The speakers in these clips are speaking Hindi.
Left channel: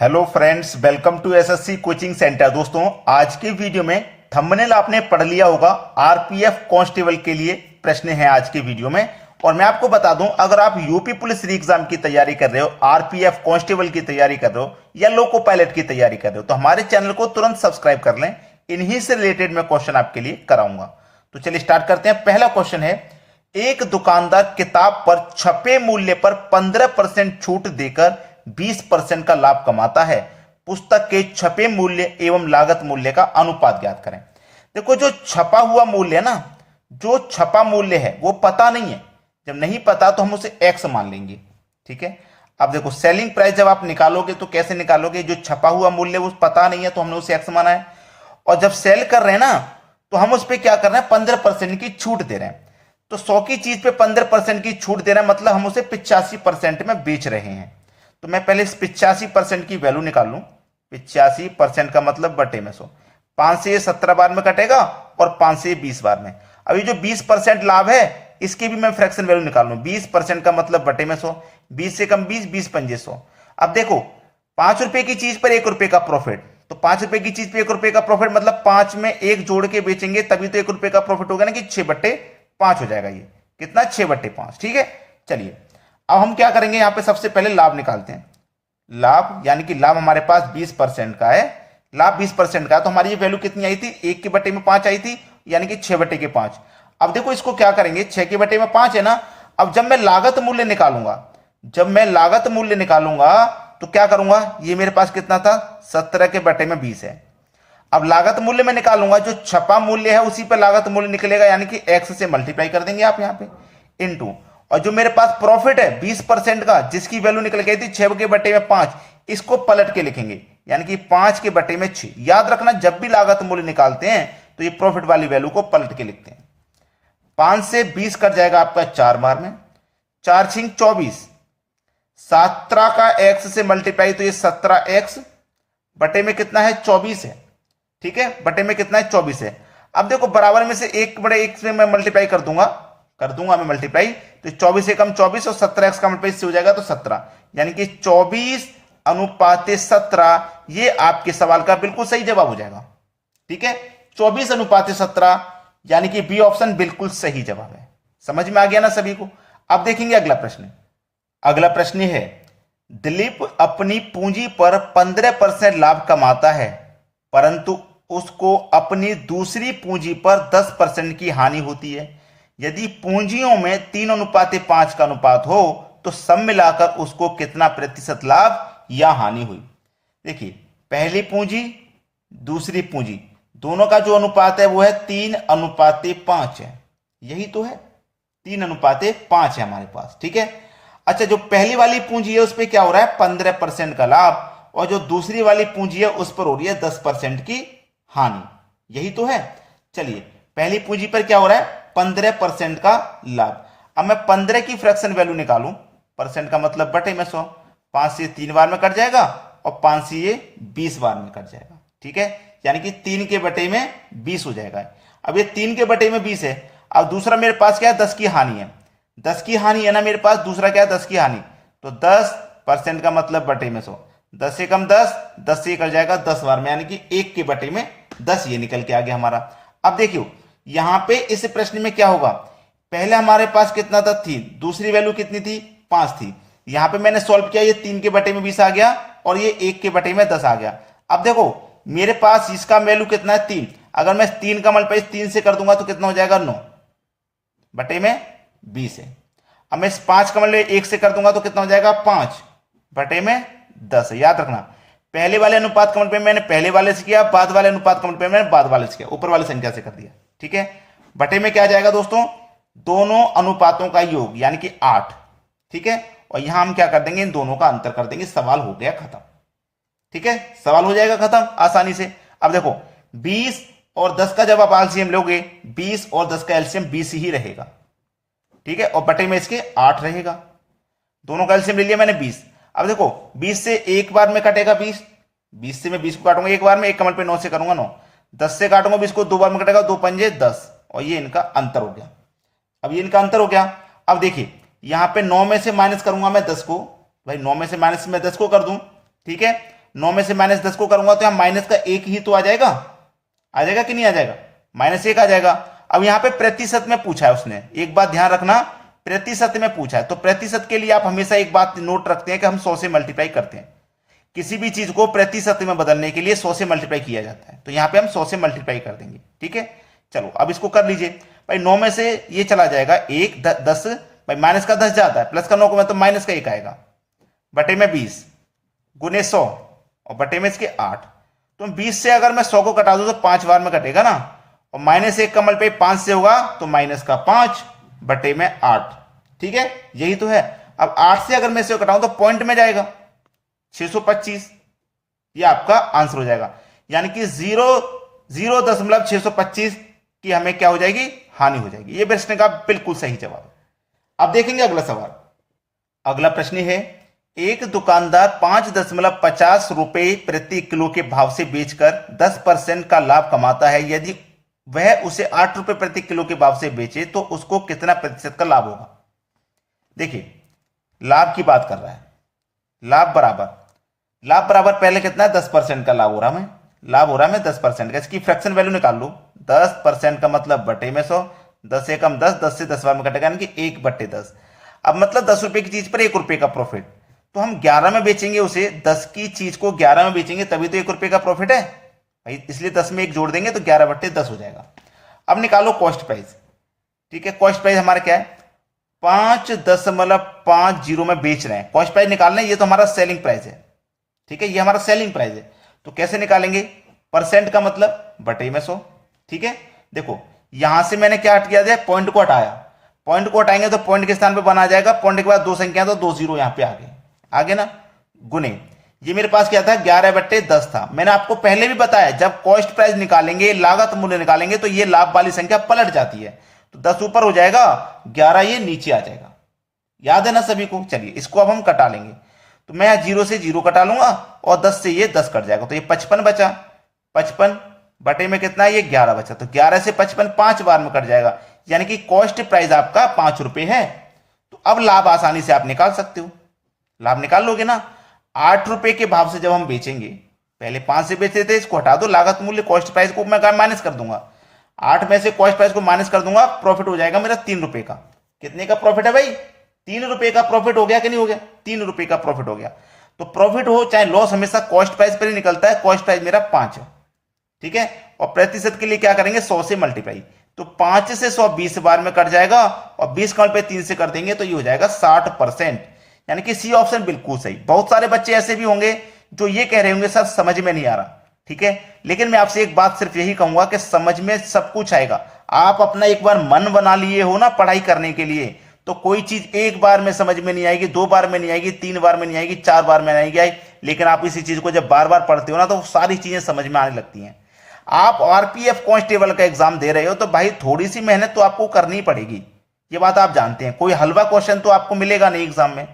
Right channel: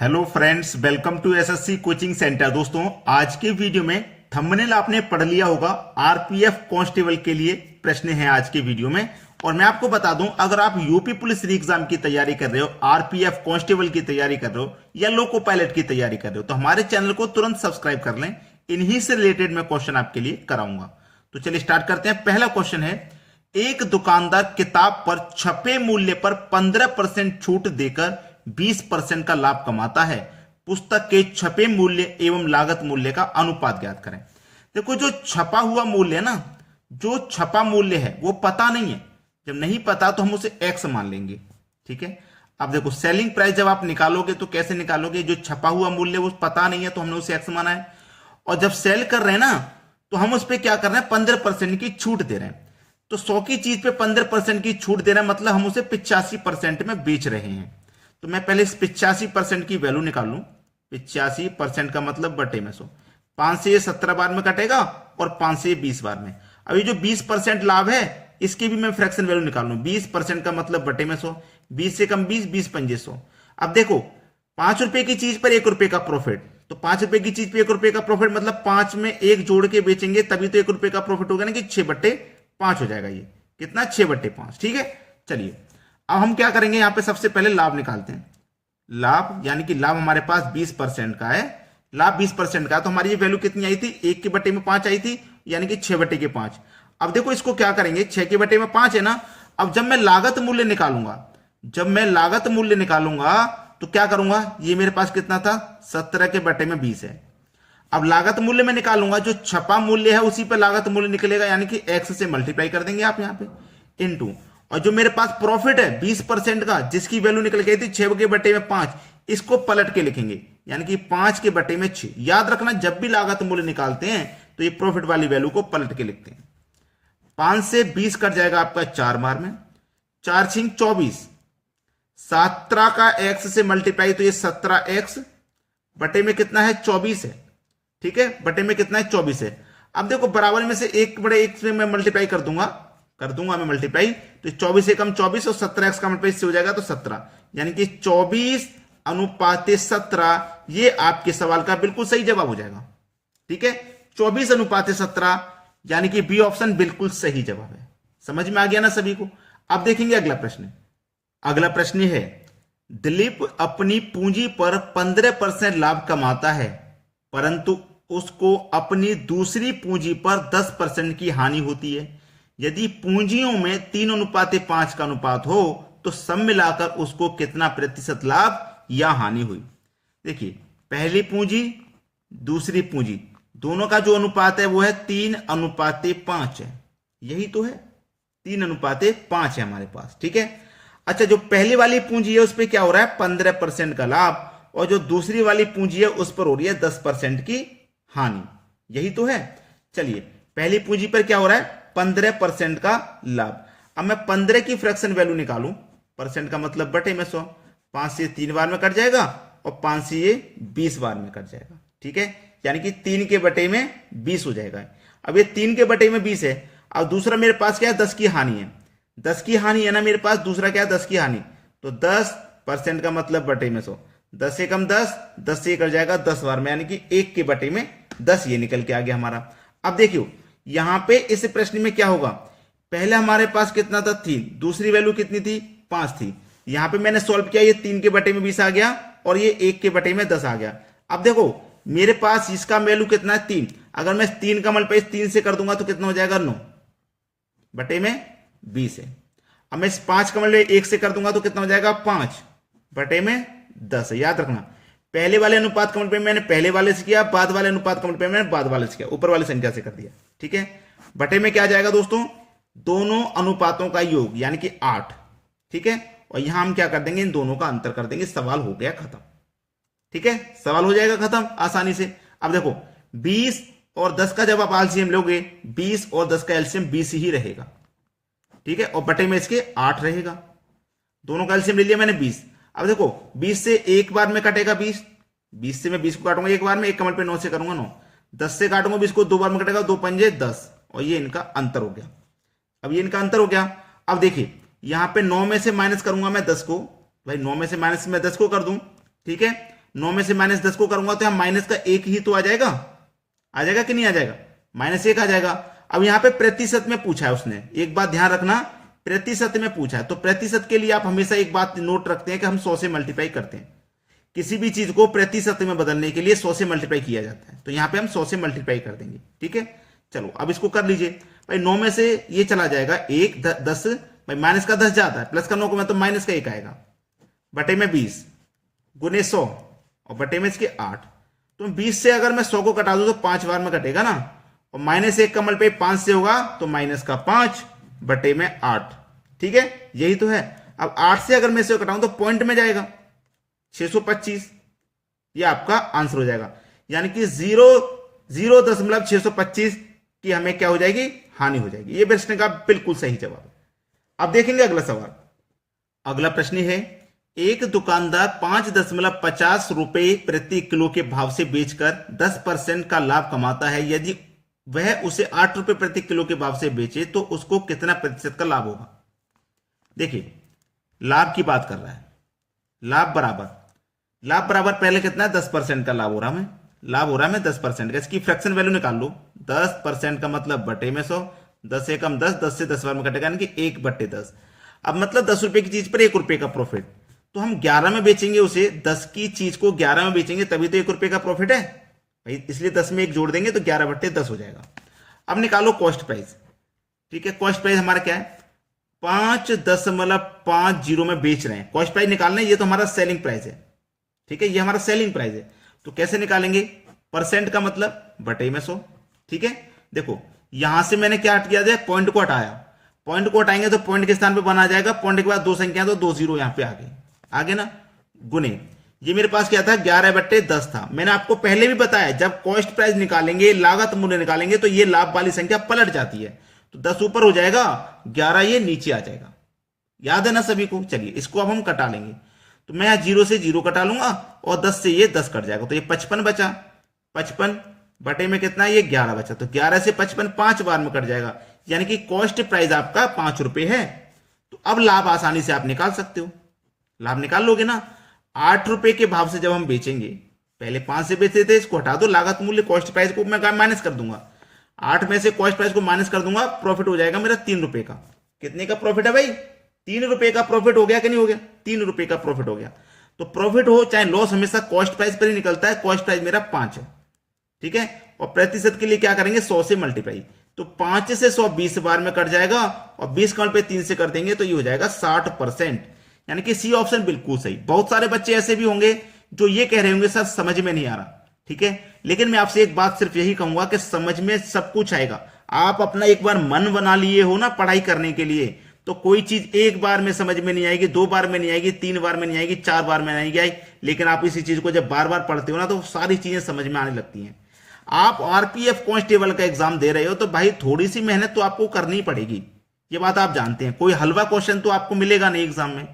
Hello friends, welcome to SSC coaching centre. दोस्तों, आज की वीडियो में थंबनेल आपने पढ़ लिया होगा। आरपीएफ कांस्टेबल के लिए प्रश्न है आज की वीडियो में। और मैं आपको बता दूं, अगर आप यूपी पुलिस री एग्जाम की तैयारी कर रहे हो, आरपीएफ कांस्टेबल की तैयारी कर रहे हो या लोको पायलट की तैयारी कर रहे हो, तो हमारे चैनल को तुरंत सब्सक्राइब कर लें। इन्हीं से रिलेटेड मैं क्वेश्चन आपके लिए कराऊंगा। तो चलिए स्टार्ट करते हैं। पहला क्वेश्चन है, एक दुकानदार किताब पर छपे मूल्य पर 15% छूट देकर 20% का लाभ कमाता है। पुस्तक के छपे मूल्य एवं लागत मूल्य का अनुपात ज्ञात करें। देखो, जो छपा हुआ मूल्य है ना, जो छपा मूल्य है वो पता नहीं है। जब नहीं पता तो हम उसे एक्स मान लेंगे। ठीक है। अब देखो, सेलिंग प्राइस जब आप निकालोगे तो कैसे निकालोगे? जो छपा हुआ मूल्य वो पता नहीं है तो हमने उसे एक्स माना है। और जब सेल कर रहे हैं ना, तो हम उस पर क्या कर रहे हैं? 15% की छूट दे रहे हैं। तो 100 की चीज पे 15% की छूट दे रहे हैं, मतलब हम उसे 85% में बेच रहे हैं। तो मैं पहले इस 85% की वैल्यू निकाल लूं। 85% का मतलब बटे में 100। 5 से ये 17 बार में कटेगा और 5 से ये 20 बार में। अब ये जो 20% लाभ है, इसकी भी मैं फ्रैक्शन वैल्यू निकाल लूं। 20% का मतलब बटे में 100। 20 से कम 20, 20 पंजे 100। अब देखो, 5 रुपए की चीज पर 1 रुपए का प्रॉफिट। तो 5 रुपए की चीज पे 1 रुपए का प्रॉफिट मतलब 5 में 1 जोड़ के बेचेंगे तभी तो 1 रुपए का प्रॉफिट होगा ना, कि 6/5 हो जाएगा। ये कितना? 6/5। ठीक है। चलिए, अब हम क्या करेंगे? यहां पे सबसे पहले लाभ निकालते हैं। लाभ यानी कि लाभ हमारे पास 20% का है। लाभ 20% का है, तो हमारी ये वैल्यू कितनी आई थी? 1/5 आई थी, यानी कि 6/5। अब देखो, इसको क्या करेंगे? 6/5 है ना। अब जब मैं लागत मूल्य निकालूंगा, तो क्या करूंगा? ये मेरे पास कितना था? 17/20 है। अब लागत मूल्य में निकालूंगा, जो छपा मूल्य है उसी पर लागत मूल्य निकलेगा, यानी कि एक्स से मल्टीप्लाई कर देंगे आप यहां पे इनटू। और जो मेरे पास प्रॉफिट है 20% का, जिसकी वैल्यू निकल गई थी 6/5, इसको पलट के लिखेंगे, यानी कि 5/6। याद रखना, जब भी लागत मूल्य निकालते हैं तो ये प्रॉफिट वाली वैल्यू को पलट के लिखते हैं। 5 से 20 कट जाएगा आपका 4 बार में। 4×6 = 24। 17 का एक्स से मल्टीप्लाई, तो ये 17x बटे में कितना है? 24 है। ठीक है, बटे में कितना है? 24 है। अब देखो, बराबर में से 1/1 से मैं मल्टीप्लाई कर दूंगा मैं मल्टीप्लाई। तो 24 से कम 24 और 17x का मल्टीप्लाई से हो जाएगा तो 17, यानी कि 24:17। ये आपके सवाल का बिल्कुल सही जवाब हो जाएगा। ठीक है, 24:17, यानी कि बी ऑप्शन बिल्कुल सही जवाब है। समझ में आ गया ना सभी को? अब देखेंगे अगला प्रश्न। अगला प्रश्न है, दिलीप अपनी पूंजी पर 15% लाभ कमाता है, परंतु उसको अपनी दूसरी पूंजी पर 10% की हानि होती है। यदि पूंजियों में 3:5 का अनुपात हो तो सब मिलाकर उसको कितना प्रतिशत लाभ या हानि हुई? देखिए, पहली पूंजी दूसरी पूंजी दोनों का जो अनुपात है वो है 3:5 है। यही तो है, 3:5 है हमारे पास। ठीक है। अच्छा, जो पहली वाली पूंजी है उस पर क्या हो रहा है? 15% का लाभ, और जो दूसरी वाली पूंजी है उस पर हो रही है 10% की हानि। यही तो है। चलिए, पहली पूंजी पर क्या हो रहा है? 15% का लाभ। अब मैं 15 की फ्रैक्शन वैल्यू निकालूं। परसेंट का मतलब बटे में 100। 5 से 3 बार में कट जाएगा और 5 से ये 20 बार में कट जाएगा। ठीक है, यानी कि 3/20 हो जाएगा। अब ये 3/20 है। अब दूसरा मेरे पास क्या है? 10 की हानि है। 10 की हानि है ना मेरे पास। दूसरा क्या है? 10 की हानि। तो 10% का मतलब बटे में 100। 10 से कम 10, 10 से कर जाएगा 10 बार में, यानी कि 1/10 ये निकल के आ गया हमारा। अब देखियो, यहां पे इस प्रश्न में क्या होगा? पहले हमारे पास कितना था? 3। दूसरी वैल्यू कितनी थी? 5 थी। यहां पे मैंने सॉल्व किया, ये 3/20 आ गया और ये 1/10 आ गया। अब देखो, मेरे पास इसका वैल्यू कितना है? 3। अगर मैं 3 का मल्टीप्लाई 3 से कर दूंगा तो कितना हो जाएगा? 9/20 है। अब मैं 5 का मल्टीप्लाई 1 से कर दूंगा तो कितना हो जाएगा? 5/10 है। याद रखना, पहले वाले अनुपात का मल्टीप्लाई मैंने पहले वाले से किया, बाद वाले अनुपात का मल्टीप्लाई मैंने बाद वाले से किया, ऊपर वाली संख्या से कर दिया। ठीक है, बटे में क्या जाएगा दोस्तों? दोनों अनुपातों का योग, यानी कि 8। ठीक है, और यहां हम क्या कर देंगे? इन दोनों का अंतर कर देंगे। सवाल हो गया खत्म। ठीक है, सवाल हो जाएगा खत्म आसानी से। अब देखो, 20 और 10 का जब आप एलसीएम लोगे, 20 और 10 का एलसीएम 20 ही रहेगा। ठीक है, और बटे में इसके 8 रहेगा। दोनों का एलसीएम ले लिया मैंने 20। अब देखो, 20 से एक बार में कटेगा 20। 20 से मैं 20 को काटूंगा एक बार में, 1 कमल पे 9 से करूंगा 9। 10 से काटूंगा 20 को 2 बार में कटेगा, 2 पंजे 10, और ये इनका अंतर हो गया। अब ये इनका अंतर हो गया। अब देखिए, यहां पे 9 में से माइनस करूंगा मैं 10 को। भाई 9 में से माइनस मैं 10 को कर दूं। ठीक है, 9 में से -10 को करूंगा तो यहाँ माइनस का 1 ही तो आ जाएगा कि नहीं आ जाएगा? -1 आ जाएगा। अब यहाँ पे प्रतिशत में पूछा है उसने, एक बात ध्यान रखना, प्रतिशत में पूछा है तो प्रतिशत के लिए आप हमेशा एक बात नोट रखते हैं कि हम 100 से मल्टीप्लाई करते हैं। किसी भी चीज को प्रतिशत में बदलने के लिए 100 से मल्टीप्लाई किया जाता है, तो यहाँ पे हम 100 से मल्टीप्लाई कर देंगे। ठीक है, चलो अब इसको कर लीजिए भाई। 9 में से ये चला जाएगा 1, 10 भाई, माइनस का 10 जाता है, प्लस का 9 को मैं तो माइनस का 1 आएगा, बटे में 20 गुने 100 और बटे में इसके 8। तो 20 से अगर मैं 100 को कटा दूं तो 5 बार में कटेगा ना, और -1 का मल्टीप्लाई 5 से होगा तो माइनस का 5 बटे में 8। ठीक है, यही तो है। अब 8 से अगर मैं इसे कटाऊं तो पॉइंट में जाएगा 625, ये आपका आंसर हो जाएगा। यानी कि 0.625 की हमें क्या हो जाएगी, हानि हो जाएगी। ये प्रश्न का बिल्कुल सही जवाब। अब देखेंगे अगला सवाल। अगला प्रश्न है, एक दुकानदार 5.50 रुपए प्रति किलो के भाव से बेचकर 10% का लाभ कमाता है। यदि वह उसे 8 रुपए प्रति किलो के भाव से बेचे तो उसको कितना प्रतिशत का लाभ होगा? देखिए, लाभ की बात कर रहा है। लाभ बराबर पहले कितना है, 10% का लाभ हो रहा है, लाभ हो रहा है मैं 10% का। इसकी फ्रैक्शन वैल्यू निकाल लो, 10% का मतलब बटे में 100, 10 से कम 10, 10 से 10 बार में कटेगा, यानी कि 1/10। अब मतलब 10 रुपए की चीज पर 1 रुपए का प्रॉफिट, तो हम 11 में बेचेंगे उसे, 10 की चीज को 11 में बेचेंगे तभी तो 1 रुपए का प्रॉफिट है भाई, इसलिए 10 में 1 जोड़ देंगे तो 11/10 हो जाएगा। अब निकालो कॉस्ट प्राइस। ठीक है, कॉस्ट प्राइस हमारा क्या है, 5.50 में बेच रहे हैं, कॉस्ट प्राइस निकालना है, ये तो हमारा सेलिंग प्राइस है। ठीक है, ये हमारा सेलिंग प्राइस है, तो कैसे निकालेंगे, परसेंट का मतलब बटे में 100। ठीक है, देखो यहां से मैंने क्या हट किया था, पॉइंट को हटाया, पॉइंट को हटाएंगे तो पॉइंट के स्थान पे बना जाएगा, पॉइंट के बाद 2 संख्या तो 2 जीरो यहां पे आगे ना, गुने, ये मेरे पास क्या था, 11/10 था। मैंने आपको पहले भी बताया, जब कॉस्ट प्राइस निकालेंगे, लागत मूल्य निकालेंगे, तो ये लाभ वाली संख्या पलट जाती है, तो 10 ऊपर हो जाएगा, 11 ये नीचे आ जाएगा। याद है ना सभी को? चलिए इसको अब हम कटा लेंगे, तो मैं यहां 0 से 0 कटा लूंगा और 10 से ये 10 कट जाएगा, तो ये 55 बचा, 55 बटे में कितना, ये 11 बचा, तो 11 से 55 5 बार में कट जाएगा, यानी कि कॉस्ट प्राइस आपका 5 रुपए है। तो अब लाभ आसानी से आप निकाल सकते हो, लाभ निकाल लोगे ना। 8 रुपए के भाव से जब हम बेचेंगे, पहले 5 से बेचते थे, इसको हटा दो, लागत मूल्य कॉस्ट प्राइस को मैं माइनस कर दूंगा, 8 में से कॉस्ट प्राइस को माइनस कर दूंगा, प्रॉफिट हो जाएगा मेरा 3 रुपए का। कितने का प्रॉफिट है भाई, 3 रुपए का प्रॉफिट हो गया कि नहीं हो गया, 3 रुपए का प्रॉफिट हो गया। तो प्रॉफिट हो चाहे लॉस, हमेशा कॉस्ट प्राइस पर ही निकलता है, कॉस्ट प्राइस मेरा 5 है। ठीक है, और प्रतिशत के लिए क्या करेंगे, 100 से मल्टीप्लाई, तो 5 से 100 20 बार में कट जाएगा, और 20 का पे 3 से कर देंगे तो ये हो जाएगा 60%, यानी कि सी ऑप्शन बिल्कुल सही। बहुत सारे बच्चे ऐसे भी होंगे जो ये कह रहे होंगे सर समझ में नहीं आ रहा, ठीक है, लेकिन मैं आपसे एक बात सिर्फ यही कहूंगा कि समझ में सब कुछ आएगा। आप अपना एक बार मन बना लिए हो ना पढ़ाई करने के लिए, तो कोई चीज एक बार में समझ में नहीं आएगी, 2 बार में नहीं आएगी, 3 बार में नहीं आएगी, 4 बार में नहीं आएगी, लेकिन आप इसी चीज को जब बार बार पढ़ते हो ना तो सारी चीजें समझ में आने लगती हैं। आप आरपीएफ कांस्टेबल का एग्जाम दे रहे हो तो भाई थोड़ी सी मेहनत तो आपको करनी पड़ेगी, ये बात आप जानते हैं। कोई हलवा क्वेश्चन तो आपको मिलेगा नहीं एग्जाम में,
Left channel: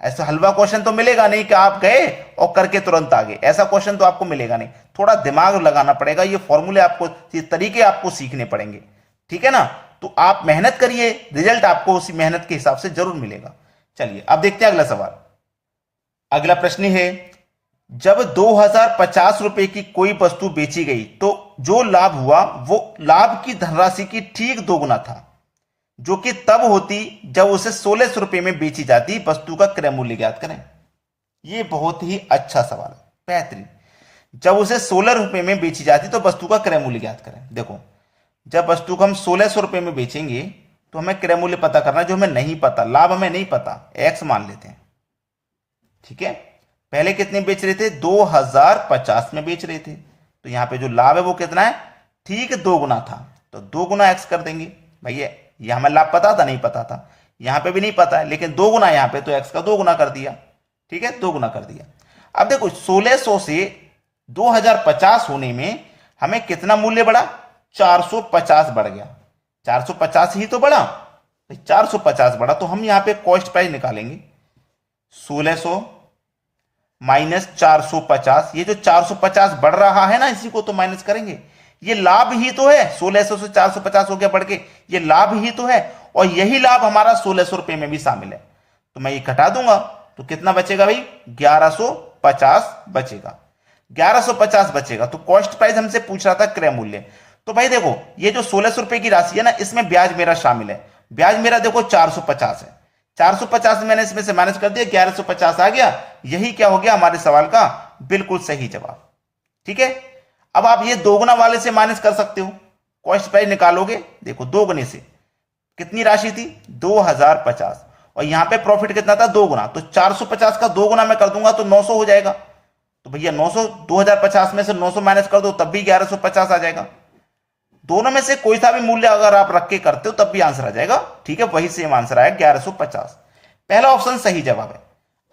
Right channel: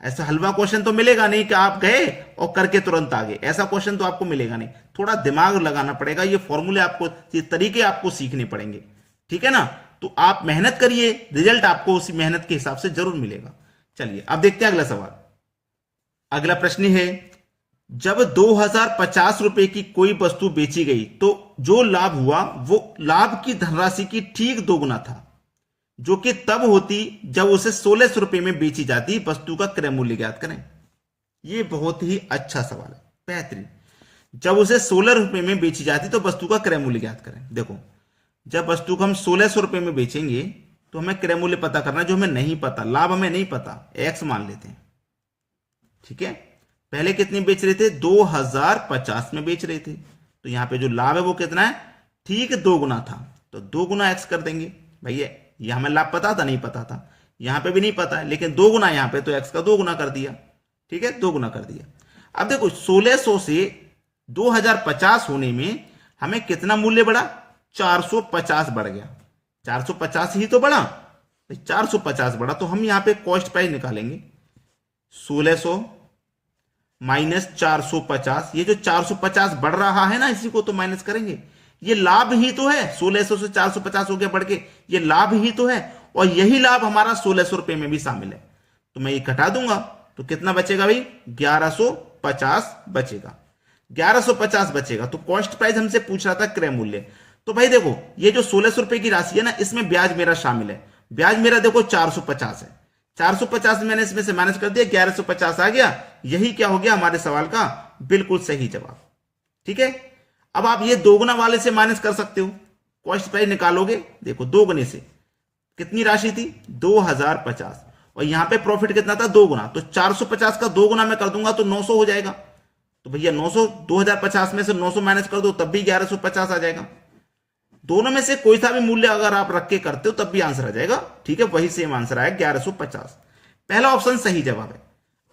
ऐसा हलवा क्वेश्चन तो मिलेगा नहीं कि आप गए और करके तुरंत आ गए, ऐसा क्वेश्चन तो आपको मिलेगा नहीं। थोड़ा दिमाग लगाना पड़ेगा, ये फॉर्मूले आपको, ये तरीके आपको सीखने पड़ेंगे, ठीक है ना। तो आप मेहनत करिए, रिजल्ट आपको उसी मेहनत के हिसाब से जरूर मिलेगा। चलिए अब देखते हैं अगला सवाल। अगला प्रश्न है, जब 2050 रुपए की कोई वस्तु बेची गई तो जो लाभ हुआ वो लाभ की धनराशि की ठीक दोगुना था, जो कि तब होती जब उसे 1600 रुपए में बेची जाती। वस्तु का क्रय मूल्य ज्ञात करें। यह बहुत ही अच्छा सवाल है, बेहतरीन। जब उसे 16 रुपए में बेची जाती तो वस्तु का क्रय मूल्य ज्ञात करें। देखो, जब वस्तु को हम 1600 रुपए में बेचेंगे तो हमें क्रय मूल्य पता करना, जो हमें नहीं पता, लाभ हमें नहीं पता, एक्स मान लेते हैं, ठीक है। पहले कितने बेच रहे थे, 2050 में बेच रहे थे, तो यहां पे जो लाभ है वो कितना है, ठीक 2 गुना था, तो 2 गुना एक्स कर देंगे। भैया यह हमें लाभ पता था, नहीं पता था, यहां पे भी नहीं पता है, लेकिन 2 गुना यहां पे, तो एक्स का 2 गुना कर दिया, ठीक है, 2 गुना कर दिया। अब देखो 1600 से 2050 होने में हमें कितना मूल्य बढ़ा, 450 बढ़ गया, 450 ही तो बढ़ा, 450 बढ़ा, तो हम यहां पे कॉस्ट प्राइस निकालेंगे, 1600 माइनस 450, ये जो 450 बढ़ रहा है ना, इसी को तो माइनस करेंगे, ये लाभ ही तो है, 1600 से 450 हो गया बढ़ के, ये लाभ ही तो है, और यही लाभ हमारा 1600 रुपए में भी शामिल है, तो मैं ये घटा दूंगा, तो कितना बचेगा भाई, बचेगा, 1150 बचेगा। तो कॉस्ट प्राइस हमसे पूछ रहा था क्रय मूल्य। तो भाई देखो ये जो 1600 रुपए की राशि है ना, इसमें ब्याज मेरा शामिल है। ब्याज मेरा देखो 450 है, 450 मैंने इसमें से माइनस कर दिया, 1150 आ गया। यही क्या हो गया हमारे सवाल का बिल्कुल सही जवाब। ठीक है, अब आप ये दोगुना वाले से माइनस कर सकते हो, कॉस्ट प्राइस निकालोगे, देखो दोगुने से कितनी राशि थी 2050, और यहां पे प्रॉफिट कितना था, दोगुना। तो 450 का दोगुना मैं कर दूंगा तो 900 हो जाएगा। तो भैया 900, 2050 में से 900 माइनस कर दो तब भी 1150 आ जाएगा। दोनों में से कोई सा भी मूल्य अगर आप रख के करते हो तब भी आंसर आ जाएगा। ठीक है, वही सेम आंसर आया 1150। पहला ऑप्शन सही जवाब है।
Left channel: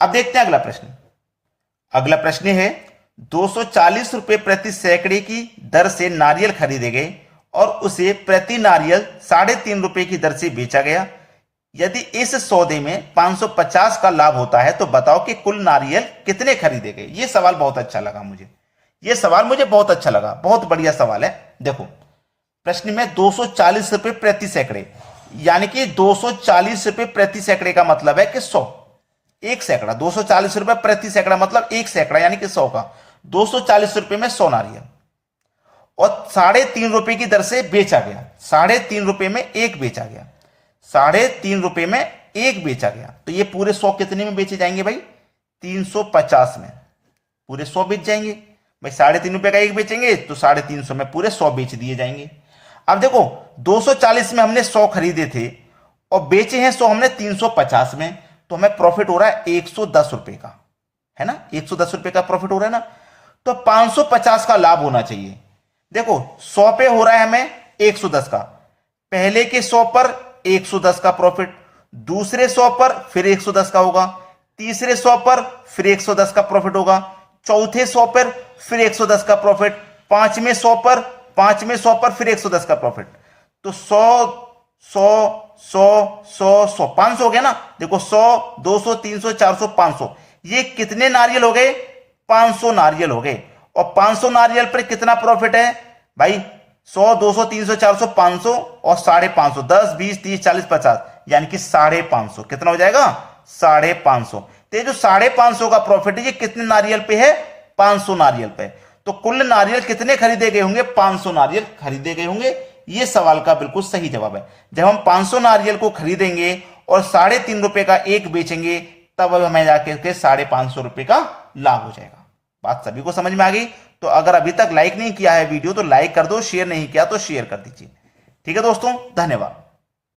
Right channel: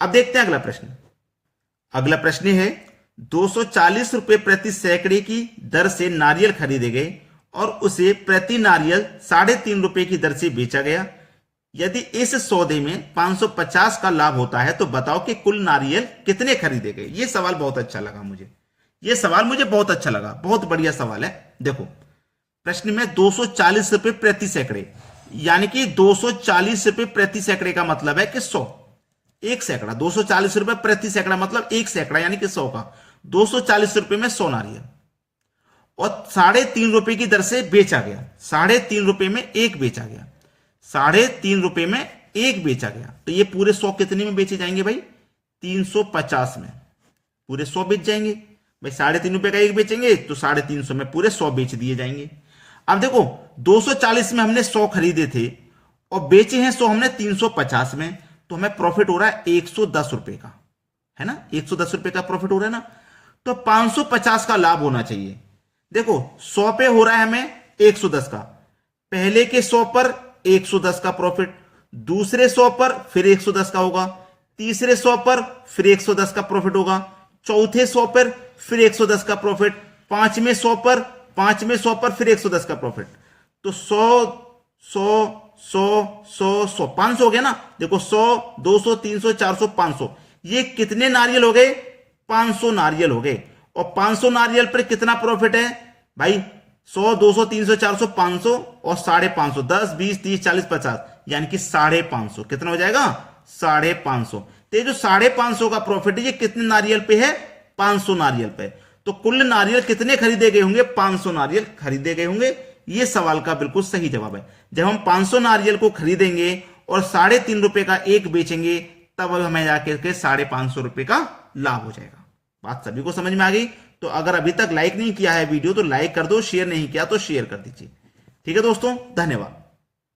अब देखते हैं अगला प्रश्न। अगला प्रश्न है 240 रुपए प्रति सैकड़े की दर से नारियल खरीदे गए और उसे प्रति नारियल 3.5 रुपए की दर से बेचा गया। यदि इस सौदे में 550 का लाभ होता है तो बताओ कि कुल नारियल कितने खरीदे गए। यह सवाल बहुत अच्छा लगा मुझे, यह सवाल मुझे बहुत अच्छा लगा, बहुत बढ़िया सवाल है। देखो प्रश्न में 240 रुपए प्रति सैकड़े, यानी कि 240 रुपए प्रति सैकड़े का मतलब है कि 100, एक सैकड़ा। 240 रुपए प्रति सैकड़ा मतलब एक सैकड़ा यानी कि 100 का। 240 रुपए में 100 नारियल और 3.5 रुपए की दर से बेचा गया। 3.5 रुपए में एक बेचा गया, 3.5 रुपए में एक बेचा गया। तो ये पूरे 100 कितने में बेचे जाएंगे भाई, 350 में पूरे 100 बेच जाएंगे भाई। 3.5 रुपए का एक बेचेंगे तो 350 में पूरे 100 बेच दिए जाएंगे। अब देखो 240 में हमने 100 खरीदे थे और बेचे हैं 100 हमने 350 में, तो हमें प्रॉफिट हो रहा है 110 रुपए का, है ना, 110 रुपए का प्रॉफिट हो रहा है ना। तो 550 का लाभ होना चाहिए। देखो 100 पे हो रहा है हमें 110 का, पहले के 100 पर 110 का प्रॉफिट, दूसरे 100 पर फिर 110 का होगा, तीसरे 100 पर फिर 110 का प्रॉफिट होगा, चौथे 100 पर फिर 110 का प्रॉफिट, पांचवें 100 पर फिर 110 का प्रॉफिट। तो 100 100 100 100 100 500 हो गया ना। देखो 100 200 300 400 500, ये कितने नारियल हो गए, 500 नारियल हो गए। और 500 नारियल पर कितना प्रॉफिट है भाई, 100 200 300 400 500 और 550, 10 20 30 40 50, यानी कि 550 कितना हो जाएगा, 550। तो ये जो 550 का प्रॉफिट है ये कितने नारियल पे है, 500 नारियल पे। तो कुल नारियल कितने खरीदे गए होंगे, 500 नारियल खरीदे गए होंगे। ये सवाल का बिल्कुल सही जवाब है। जब हम 500 नारियल को खरीदेंगे और 3.5 रुपए का एक बेचेंगे तब हमें जाकर के 550 रुपए का लाभ हो जाएगा। बात सभी को समझ में आ गई। तो अगर अभी तक लाइक नहीं किया है वीडियो तो लाइक कर दो, शेयर नहीं किया तो शेयर कर दीजिए। ठीक है दोस्तों, धन्यवाद।